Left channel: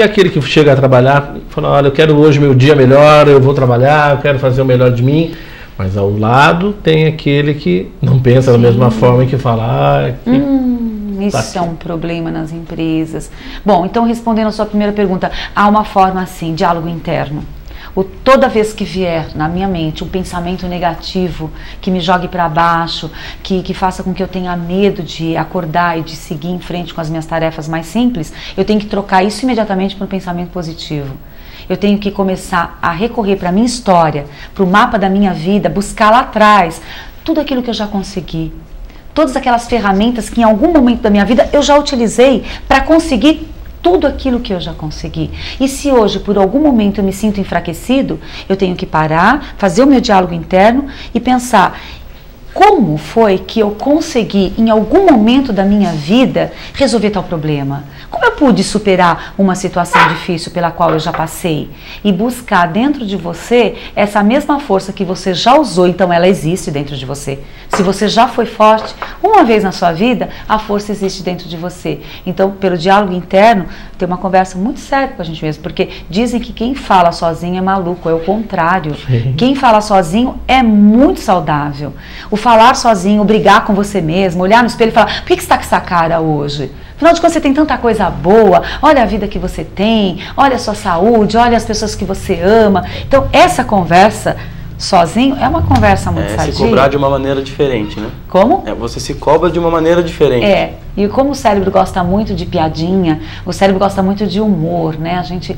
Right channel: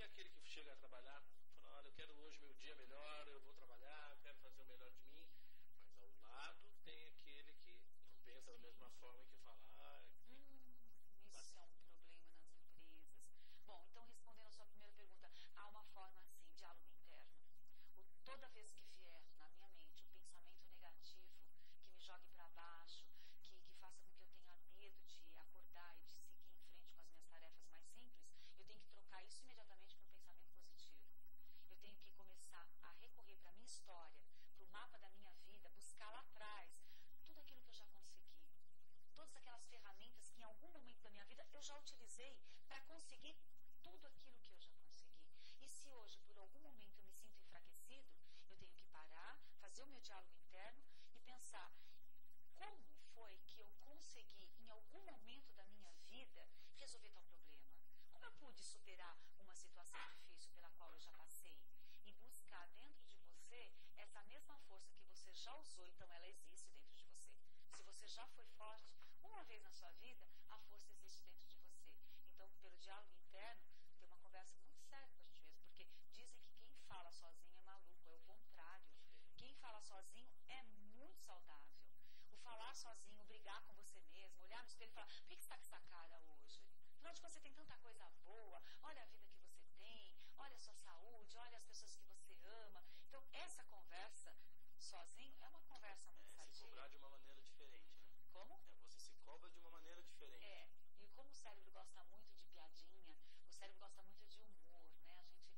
E aquele que chega a trabalhar, fala, olha, eu quero hoje meu dia melhor, eu vou trabalhar, eu quero fazer o melhor de mim. Mas ao lado tem aquele que não pensa da mesma forma e que fala... Isso é um problema nas empresas. Bom, então respondendo a sua primeira pergunta, há uma forma assim, diálogo interno. Toda vez que vier na minha mente um pensamento negativo que me jogue para baixo, que faça com que eu tenha medo de acordar e de seguir em frente com as minhas tarefas mais simples, eu tenho que trocar isso imediatamente para um pensamento positivo. Eu tenho que começar a recorrer para a minha história, para o mapa da minha vida, buscar lá atrás tudo aquilo que eu já consegui. Todas aquelas ferramentas que em algum momento da minha vida eu já utilizei para conseguir tudo aquilo que eu já consegui. E se hoje, por algum momento, eu me sinto enfraquecido, eu tenho que parar, fazer o meu diálogo interno e pensar... Como foi que eu consegui, em algum momento da minha vida, resolver tal problema? Como eu pude superar uma situação difícil pela qual eu já passei? E buscar dentro de você essa mesma força que você já usou, então ela existe dentro de você. Se você já foi forte, uma vez na sua vida, a força existe dentro de você. Então, pelo diálogo interno, tem uma conversa muito séria com a gente mesmo, porque dizem que quem fala sozinho é maluco, é o contrário. Sim. Quem fala sozinho é muito saudável. O falar sozinho, brigar com você mesmo, olhar no espelho e falar, por que você está com essa cara hoje? Afinal de contas, você tem tanta coisa boa, olha a vida que você tem, olha a sua saúde, olha as pessoas que você ama. Então, essa conversa sozinho é uma conversa muito sadia. Se cobrar de uma maneira diferente, né? Como? Você se cobra de uma maneira diferente. E como o cérebro gosta muito de piadinha, o cérebro gosta muito de humor, né? A gente,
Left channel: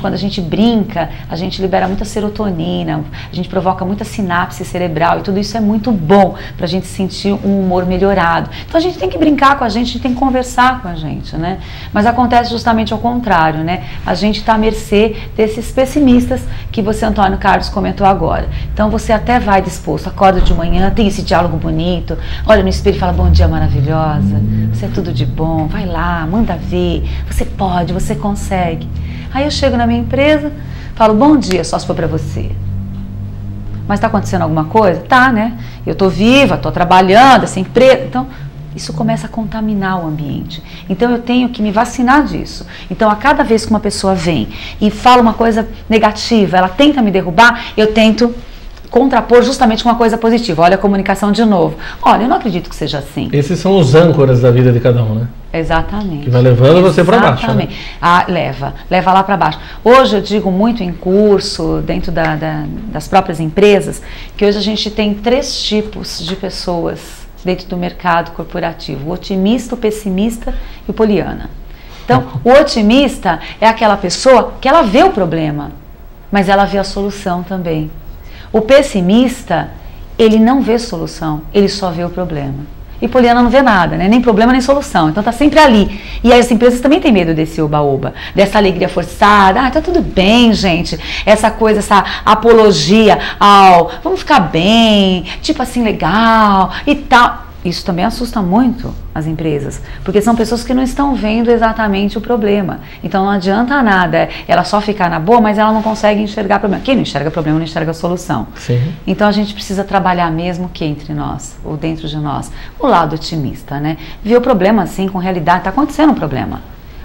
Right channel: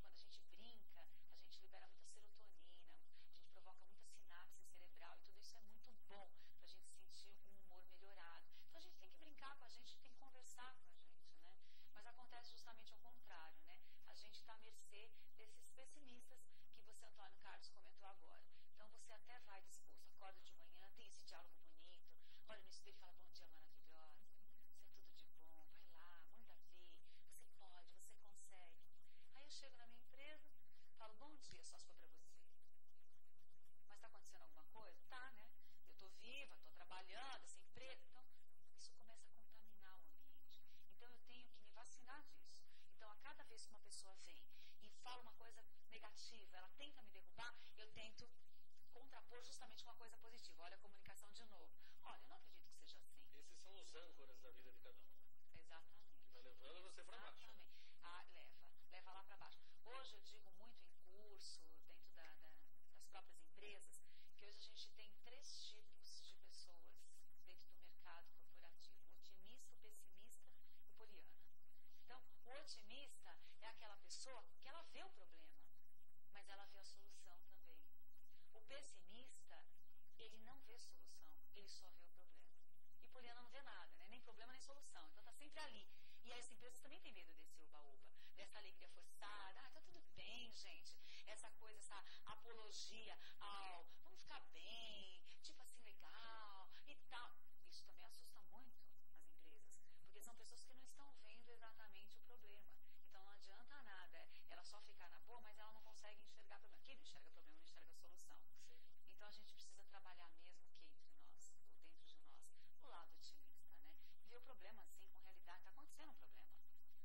quando a gente brinca, a gente libera muita serotonina, a gente provoca muita sinapse cerebral e tudo isso é muito bom pra gente sentir um humor melhorado. Então a gente tem que brincar com a gente tem que conversar com a gente, né? Mas acontece justamente ao contrário, né? A gente tá à mercê desses pessimistas que você, Antônio Carlos, comentou agora. Então você até vai disposto, acorda de manhã, tem esse diálogo bonito, olha no espelho e fala, bom dia maravilhosa. Você é tudo de bom, vai lá, manda ver, você pode, você consegue. Aí eu chego na minha empresa, falo, bom dia, só se for pra você. Mas tá acontecendo alguma coisa? Tá, né? Eu tô viva, tô trabalhando, essa empresa... Então, isso começa a contaminar o ambiente. Então, eu tenho que me vacinar disso. Então, a cada vez que uma pessoa vem e fala uma coisa negativa, ela tenta me derrubar, eu tento contrapor justamente com uma coisa positiva. Olha a comunicação de novo. Olha, eu não acredito que seja assim. Esses são os âncoras da vida de cada um, né? Exatamente. Que vai levando você para baixo. Exatamente. Né? Leva lá para baixo. Hoje eu digo muito em curso, dentro das próprias empresas, que hoje a gente tem 3 tipos de pessoas dentro do mercado corporativo. O otimista, o pessimista e o poliana. Então, o otimista é aquela pessoa que ela vê o problema, mas ela vê a solução também. O pessimista, ele não vê solução, ele só vê o problema. E poliana não vê nada, né? Nem problema, nem solução. Então tá sempre ali. E aí as empresas também têm medo desse oba-oba, dessa alegria forçada. Ah, tá tudo bem, gente. Essa coisa, essa apologia ao vamos ficar bem, tipo assim, legal e tal. Isso também assusta muito as empresas, porque são pessoas que não estão vendo exatamente o problema. Então não adianta nada ela só ficar na boa, mas ela não consegue enxergar problema. Quem não enxerga problema não enxerga solução. Sim. Então a gente precisa trabalhar mesmo que entre nós, ou dentro de nós, o lado otimista, né? Ver o problema assim, com realidade, está acontecendo um problema,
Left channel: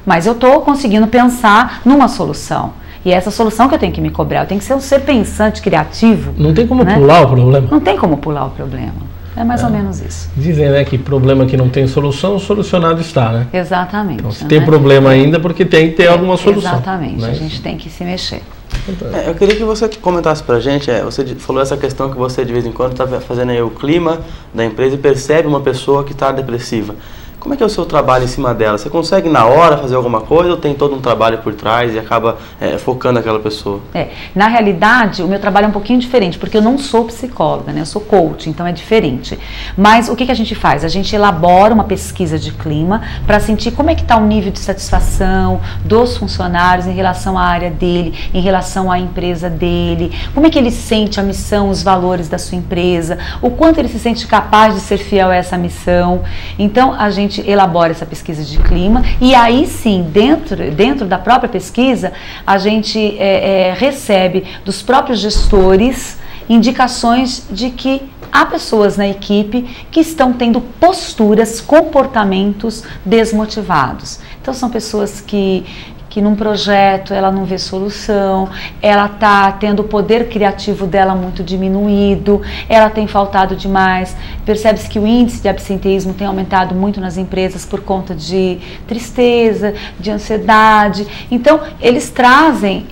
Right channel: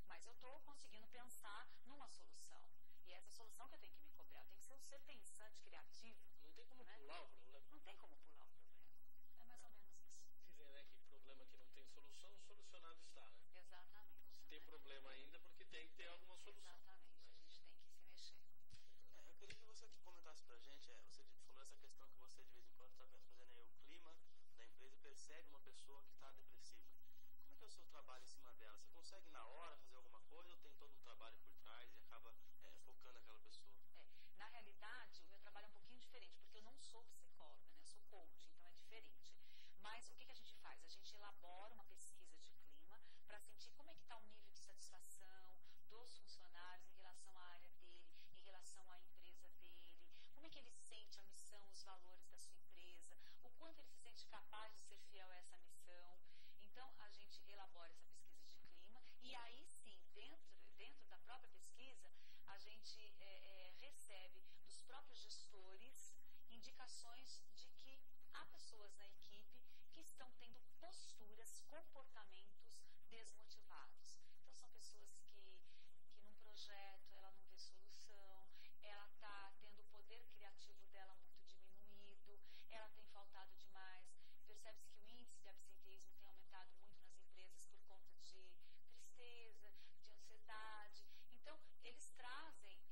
mas eu estou conseguindo pensar numa solução. E é essa solução que eu tenho que me cobrar, eu tenho que ser um ser pensante, criativo. Não tem como, né, pular o problema. Não tem como pular o problema. É mais ou menos isso. Dizem, né, que problema que não tem solução, solucionado está, né? Exatamente. Então, se tem problema ainda, porque tem que ter alguma solução. Exatamente, né? A gente tem que se mexer. Eu queria que você comentasse pra gente, você falou essa questão que você de vez em quando está fazendo aí o clima da empresa e percebe uma pessoa que está depressiva. Como é que é o seu trabalho em cima dela? Você consegue na hora fazer alguma coisa ou tem todo um trabalho por trás e acaba focando aquela pessoa? Na realidade, o meu trabalho é um pouquinho diferente, porque eu não sou psicóloga, né? Eu sou coach, então é diferente. Mas o que a gente faz? A gente elabora uma pesquisa de clima para sentir como é que está o nível de satisfação dos funcionários em relação à área dele, em relação à empresa dele, como é que ele sente a missão, os valores da sua empresa, o quanto ele se sente capaz de ser fiel a essa missão. Então, a gente elabora essa pesquisa de clima e aí sim, dentro da própria pesquisa, a gente recebe dos próprios gestores indicações de que há pessoas na equipe que estão tendo posturas, comportamentos desmotivados. Então são pessoas que que num projeto ela não vê solução, ela está tendo o poder criativo dela muito diminuído, ela tem faltado demais. Percebe-se que o índice de absenteísmo tem aumentado muito nas empresas por conta de tristeza, de ansiedade. Então, eles trazem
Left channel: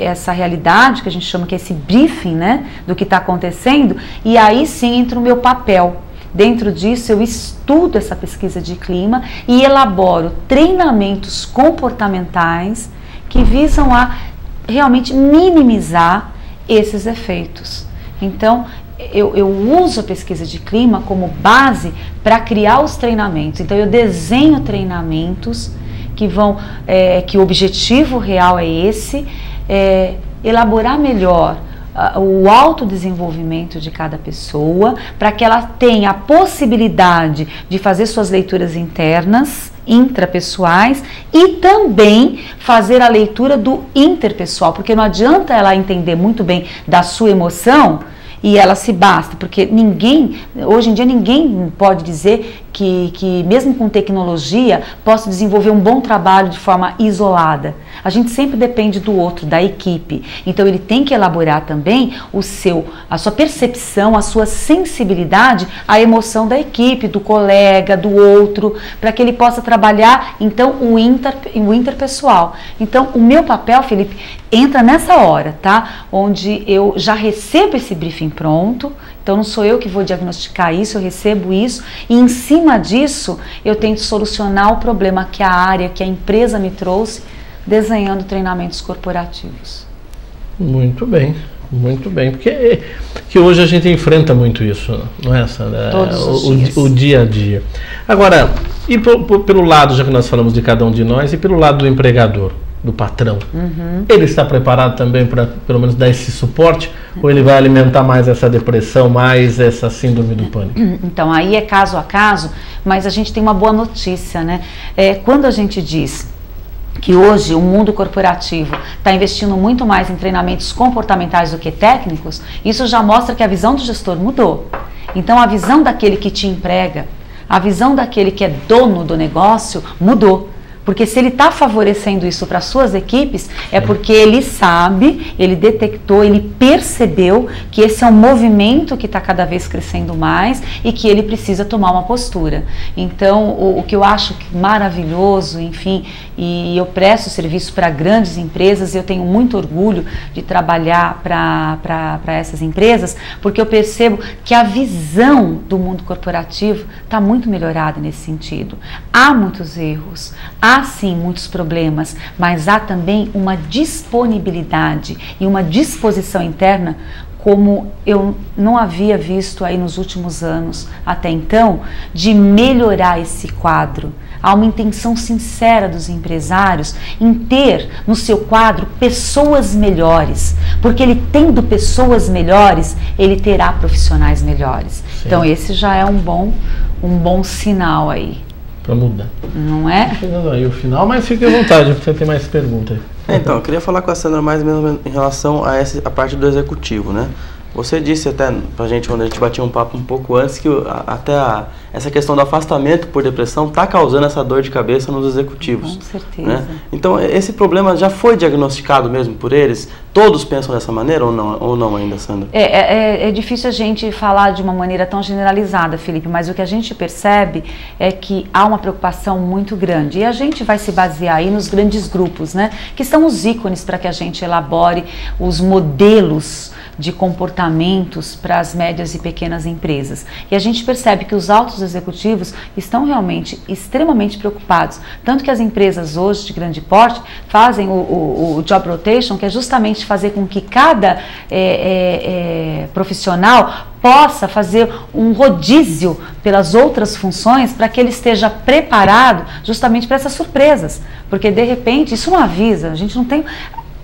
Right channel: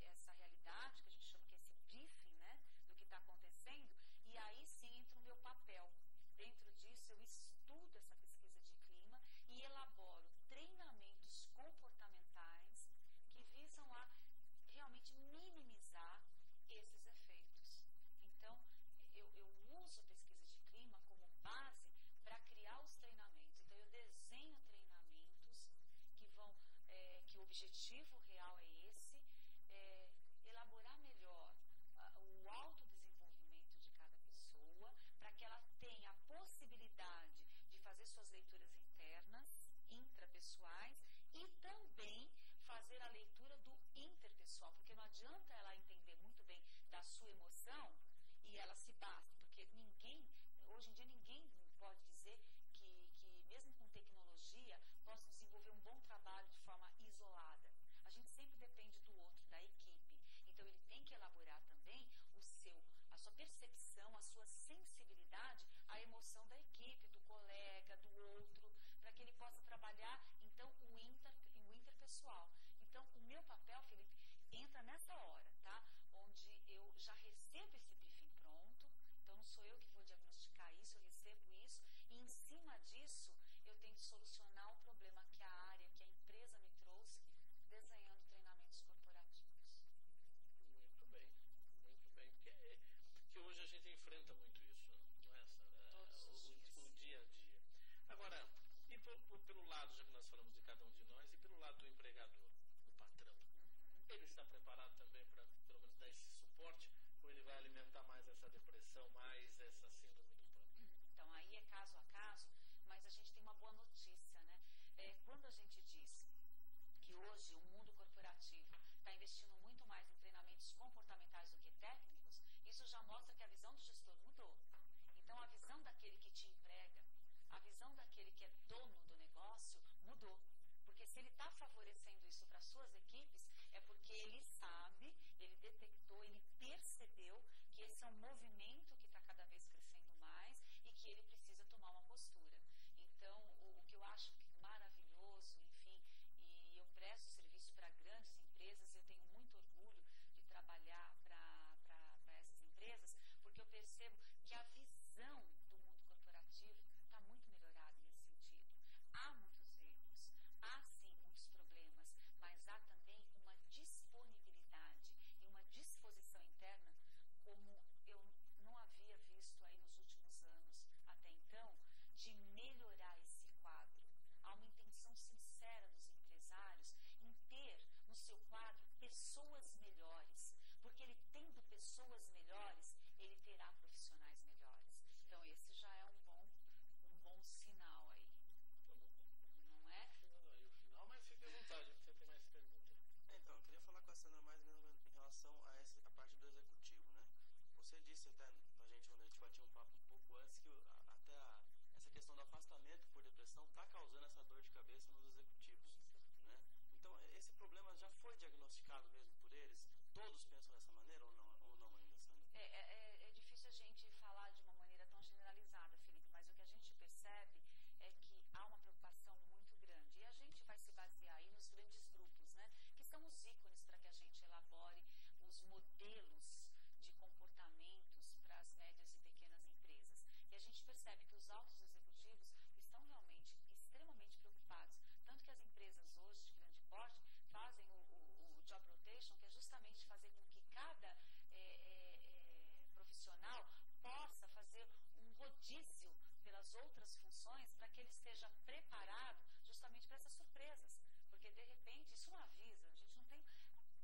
essa realidade, que a gente chama que é esse briefing, né, do que está acontecendo, e aí sim entra o meu papel. Dentro disso, eu estudo essa pesquisa de clima e elaboro treinamentos comportamentais que visam a realmente minimizar esses efeitos. Então, eu uso a pesquisa de clima como base para criar os treinamentos. Então, eu desenho treinamentos que vão, que o objetivo real é esse, elaborar melhor o autodesenvolvimento de cada pessoa, para que ela tenha a possibilidade de fazer suas leituras internas, intrapessoais, e também fazer a leitura do interpessoal, porque não adianta ela entender muito bem da sua emoção e ela se basta, porque hoje em dia ninguém pode dizer que mesmo com tecnologia possa desenvolver um bom trabalho de forma isolada. A gente sempre depende do outro, da equipe. Então ele tem que elaborar também a sua percepção, a sua sensibilidade à emoção da equipe, do colega, do outro, para que ele possa trabalhar então o interpessoal. Então o meu papel, Felipe, entra nessa hora, tá? Onde eu já recebo esse briefing pronto. Então não sou eu que vou diagnosticar isso, eu recebo isso e em cima disso eu tento solucionar o problema que a área, que a empresa me trouxe, desenhando treinamentos corporativos. Muito bem, porque que hoje a gente enfrenta muito isso, não é, Sandra? Todos os dias. O dia a dia. Agora, e pelo lado, já que nós falamos de cada um de nós, e pelo lado do empregador, do patrão, ele está preparado também para pelo menos dar esse suporte, ou ele vai alimentar mais essa depressão, mais essa síndrome do pânico? Então aí é caso a caso, mas a gente tem uma boa notícia, né? Quando a gente diz que hoje o mundo corporativo está investindo muito mais em treinamentos comportamentais do que técnicos, isso já mostra que a visão do gestor mudou. Então a visão daquele que te emprega, a visão daquele que é dono do negócio mudou. Porque se ele está favorecendo isso para suas equipes, é porque ele sabe, ele detectou, ele percebeu que esse é um movimento que está cada vez crescendo mais e que ele precisa tomar uma postura. Então, o que eu acho maravilhoso, enfim, e eu presto serviço para grandes empresas, e eu tenho muito orgulho de trabalhar para essas empresas, porque eu percebo que a visão do mundo corporativo está muito melhorada nesse sentido. Há muitos erros, há sim muitos problemas, mas há também uma disponibilidade e uma disposição interna como eu não havia visto aí nos últimos anos até então, de melhorar esse quadro. Há uma intenção sincera dos empresários em ter no seu quadro pessoas melhores, porque ele tendo pessoas melhores, ele terá profissionais melhores. Sim. Então esse já é um bom sinal aí. Para mudar. Não é? Chegando aí o final, mas fique à vontade, você tem mais perguntas. Então, eu queria falar com a Sandra mais mesmo em relação a parte do executivo, né? Você disse até pra gente, quando a gente batia um papo um pouco antes, que essa questão do afastamento por depressão está causando essa dor de cabeça nos executivos. Com certeza. Né? Então, esse problema já foi diagnosticado mesmo por eles? Todos pensam dessa maneira ou não ainda, Sandra? É difícil a gente falar de uma maneira tão generalizada, Felipe, mas o que a gente percebe é que há uma preocupação muito grande. E a gente vai se basear aí nos grandes grupos, né? Que são os ícones para que a gente elabore os modelos de comportamentos para as médias e pequenas empresas. E a gente percebe que os altos executivos estão realmente extremamente preocupados. Tanto que as empresas hoje de grande porte fazem o job rotation, que é justamente fazer com que cada profissional possa fazer um rodízio pelas outras funções para que ele esteja preparado justamente para essas surpresas. Porque de repente isso não avisa, a gente não tem...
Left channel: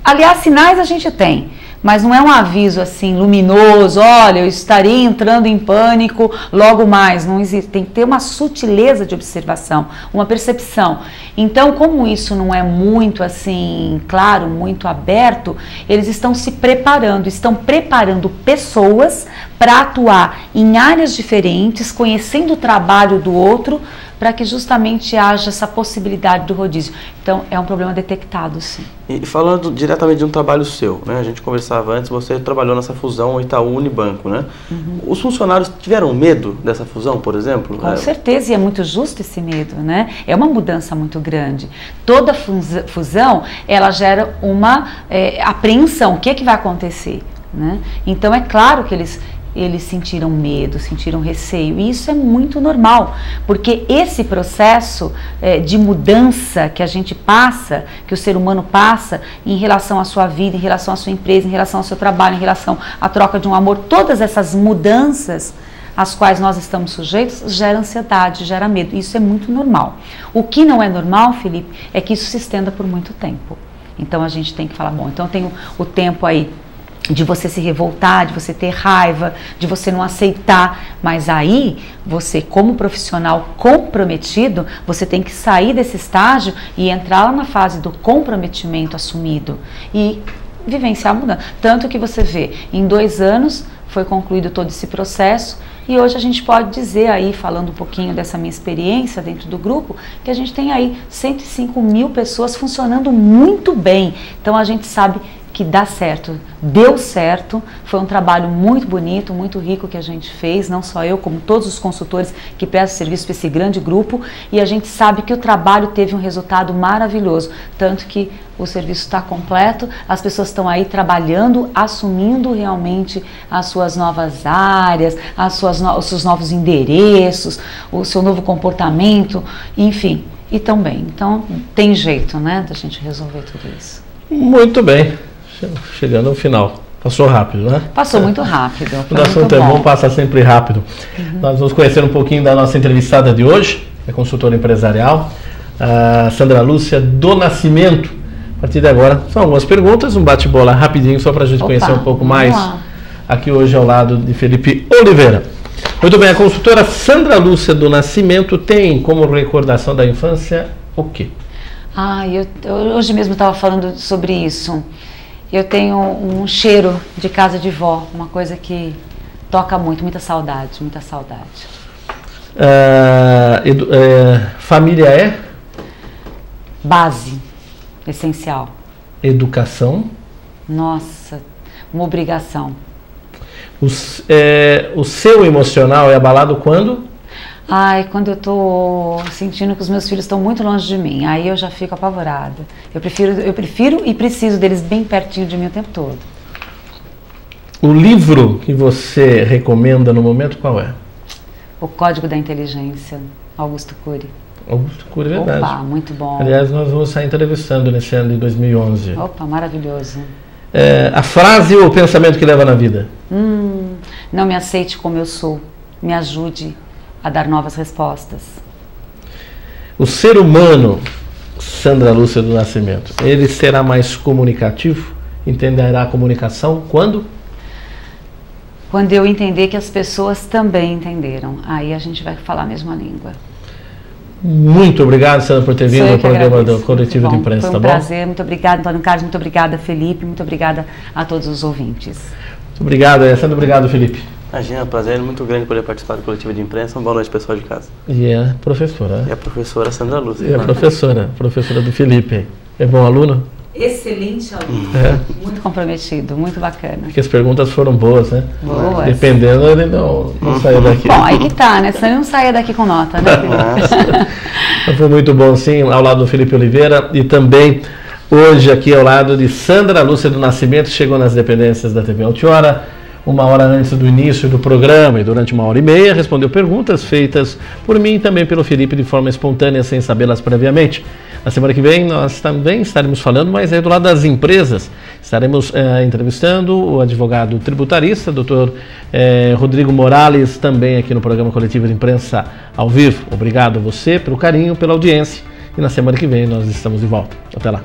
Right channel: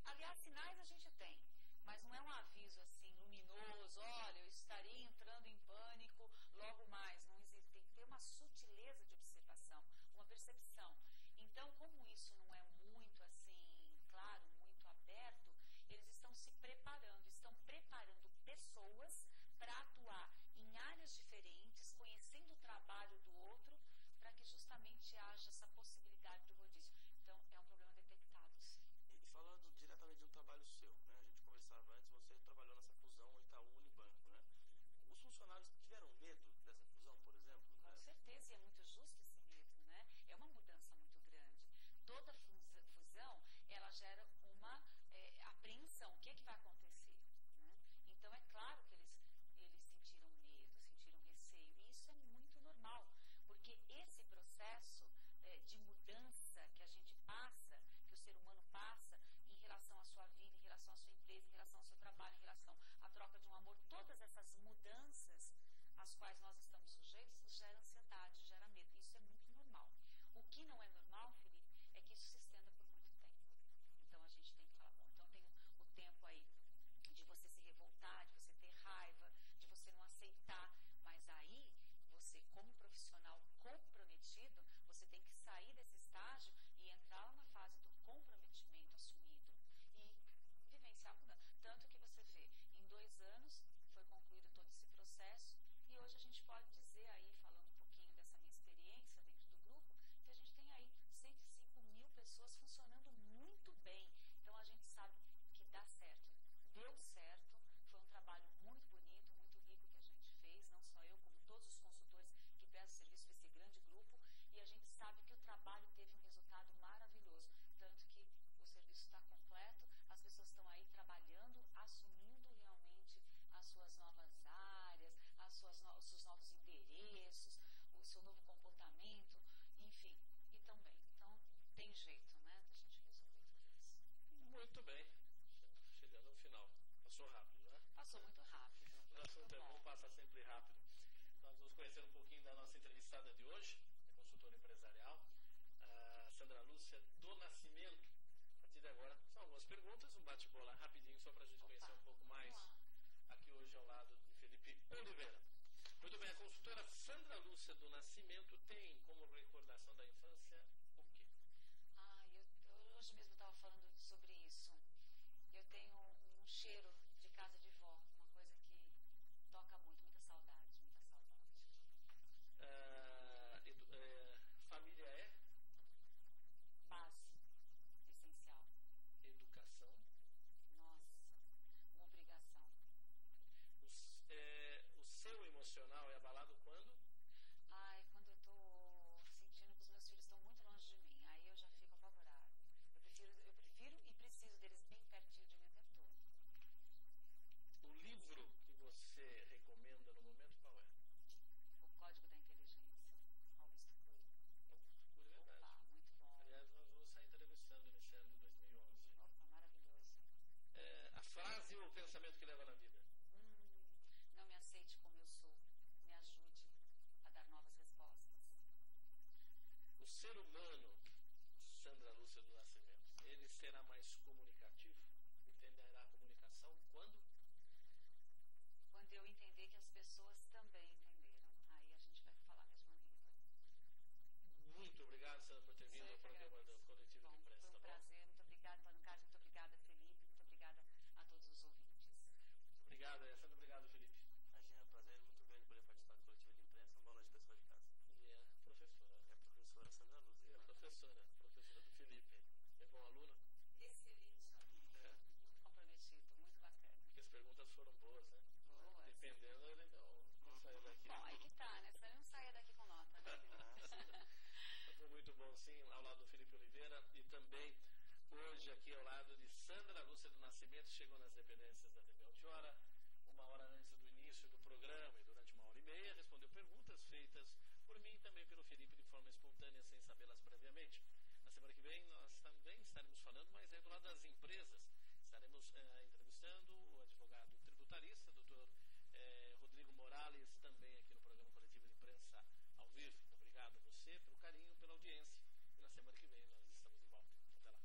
Aliás, sinais a gente tem, mas não é um aviso assim luminoso, olha, eu estaria entrando em pânico logo mais, não existe, tem que ter uma sutileza de observação, uma percepção. Então, como isso não é muito assim, claro, muito aberto, eles estão se preparando, estão preparando pessoas para atuar em áreas diferentes, conhecendo o trabalho do outro, para que justamente haja essa possibilidade do rodízio. Então, é um problema detectado, sim. E falando diretamente de um trabalho seu, né? A gente conversava antes, você trabalhou nessa fusão Itaú-Unibanco, né? Os funcionários tiveram medo dessa fusão, por exemplo? Com certeza, e é muito justo esse medo, né? É uma mudança muito grande. Toda fusão, ela gera uma apreensão. O que é que vai acontecer? Né? Então, é claro que eles sentiram medo, sentiram receio, e isso é muito normal, porque esse processo de mudança que a gente passa, que o ser humano passa em relação à sua vida, em relação à sua empresa, em relação ao seu trabalho, em relação à troca de um amor, todas essas mudanças às quais nós estamos sujeitos, gera ansiedade, gera medo, isso é muito normal. O que não é normal, Felipe, é que isso se estenda por muito tempo. Então a gente tem que falar, bom, então tem o tempo aí de você se revoltar, de você ter raiva, de você não aceitar, mas aí você, como profissional comprometido, você tem que sair desse estágio e entrar lá na fase do comprometimento assumido e vivenciar a mudança. Tanto que você vê, em 2 anos foi concluído todo esse processo e hoje a gente pode dizer aí, falando um pouquinho dessa minha experiência dentro do grupo, que a gente tem aí 105 mil pessoas funcionando muito bem. Então a gente sabe que dá certo, deu certo, foi um trabalho muito bonito, muito rico que a gente fez, não só eu, como todos os consultores que prestam serviço para esse grande grupo, e a gente sabe que o trabalho teve um resultado maravilhoso, tanto que o serviço está completo, as pessoas estão aí trabalhando, assumindo realmente as suas novas áreas, os seus novos endereços, o seu novo comportamento, enfim, e também. Então, tem jeito, né, da gente resolver tudo isso. Muito bem. Chegando ao final. Passou rápido, né? Passou muito rápido. O assunto é bom, passa sempre rápido. Nós vamos conhecer um pouquinho da nossa entrevistada de hoje, é consultora empresarial, a Sandra Lúcia do Nascimento. A partir de agora, são algumas perguntas, um bate-bola rapidinho, só para a gente conhecer um pouco mais aqui hoje ao lado de Felipe Oliveira. Muito bem, a consultora Sandra Lúcia do Nascimento tem como recordação da infância o quê? Eu hoje mesmo estava falando sobre isso. Eu tenho um cheiro de casa de vó, uma coisa que toca muito, muita saudade, muita saudade. Família é? Base, essencial. Educação? Nossa, uma obrigação. O seu emocional é abalado quando? Quando eu estou sentindo que os meus filhos estão muito longe de mim, aí eu já fico apavorada. Eu prefiro e preciso deles bem pertinho de mim o tempo todo. O livro que você recomenda no momento qual é? O Código da Inteligência, Augusto Cury. Augusto Cury, verdade. Opa, muito bom. Aliás, nós vamos estar entrevistando nesse ano de 2011. Opa, maravilhoso. A frase ou o pensamento que leva na vida? Não me aceite como eu sou, me ajude a dar novas respostas. O ser humano, Sandra Lúcia do Nascimento, ele será mais comunicativo? Entenderá a comunicação quando? Quando eu entender que as pessoas também entenderam. Aí a gente vai falar a mesma língua. Muito obrigado, Sandra, por ter vindo ao programa do Coletivo de Imprensa, tá bom? Foi um prazer, muito obrigada, Antônio Carlos, muito obrigada, Felipe, muito obrigada a todos os ouvintes. Muito obrigado, Sandra, obrigado, Felipe. Imagina, prazer muito grande poder participar do Coletivo de Imprensa. Uma boa noite, pessoal de casa. E a professora. E a professora Sandra Lúcia. E a professora do Felipe. É bom aluno? Excelente aluno. Muito comprometido, muito bacana. Porque as perguntas foram boas, né? Boas. Dependendo, ele não saiu daqui. Bom, aí que tá, né? Senão ele não saia daqui com nota, né? Foi muito bom, sim, ao lado do Felipe Oliveira e também hoje aqui ao lado de Sandra Lúcia do Nascimento, chegou nas dependências da TV Altiora, 1 hora antes do início do programa e durante 1h30 respondeu perguntas feitas por mim e também pelo Felipe de forma espontânea, sem sabê-las previamente. Na semana que vem nós também estaremos falando, mas do lado das empresas. Estaremos entrevistando o advogado tributarista, Dr. Rodrigo Morales, também aqui no programa Coletivo de Imprensa ao vivo. Obrigado a você pelo carinho, pela audiência. E na semana que vem nós estamos de volta. Até lá.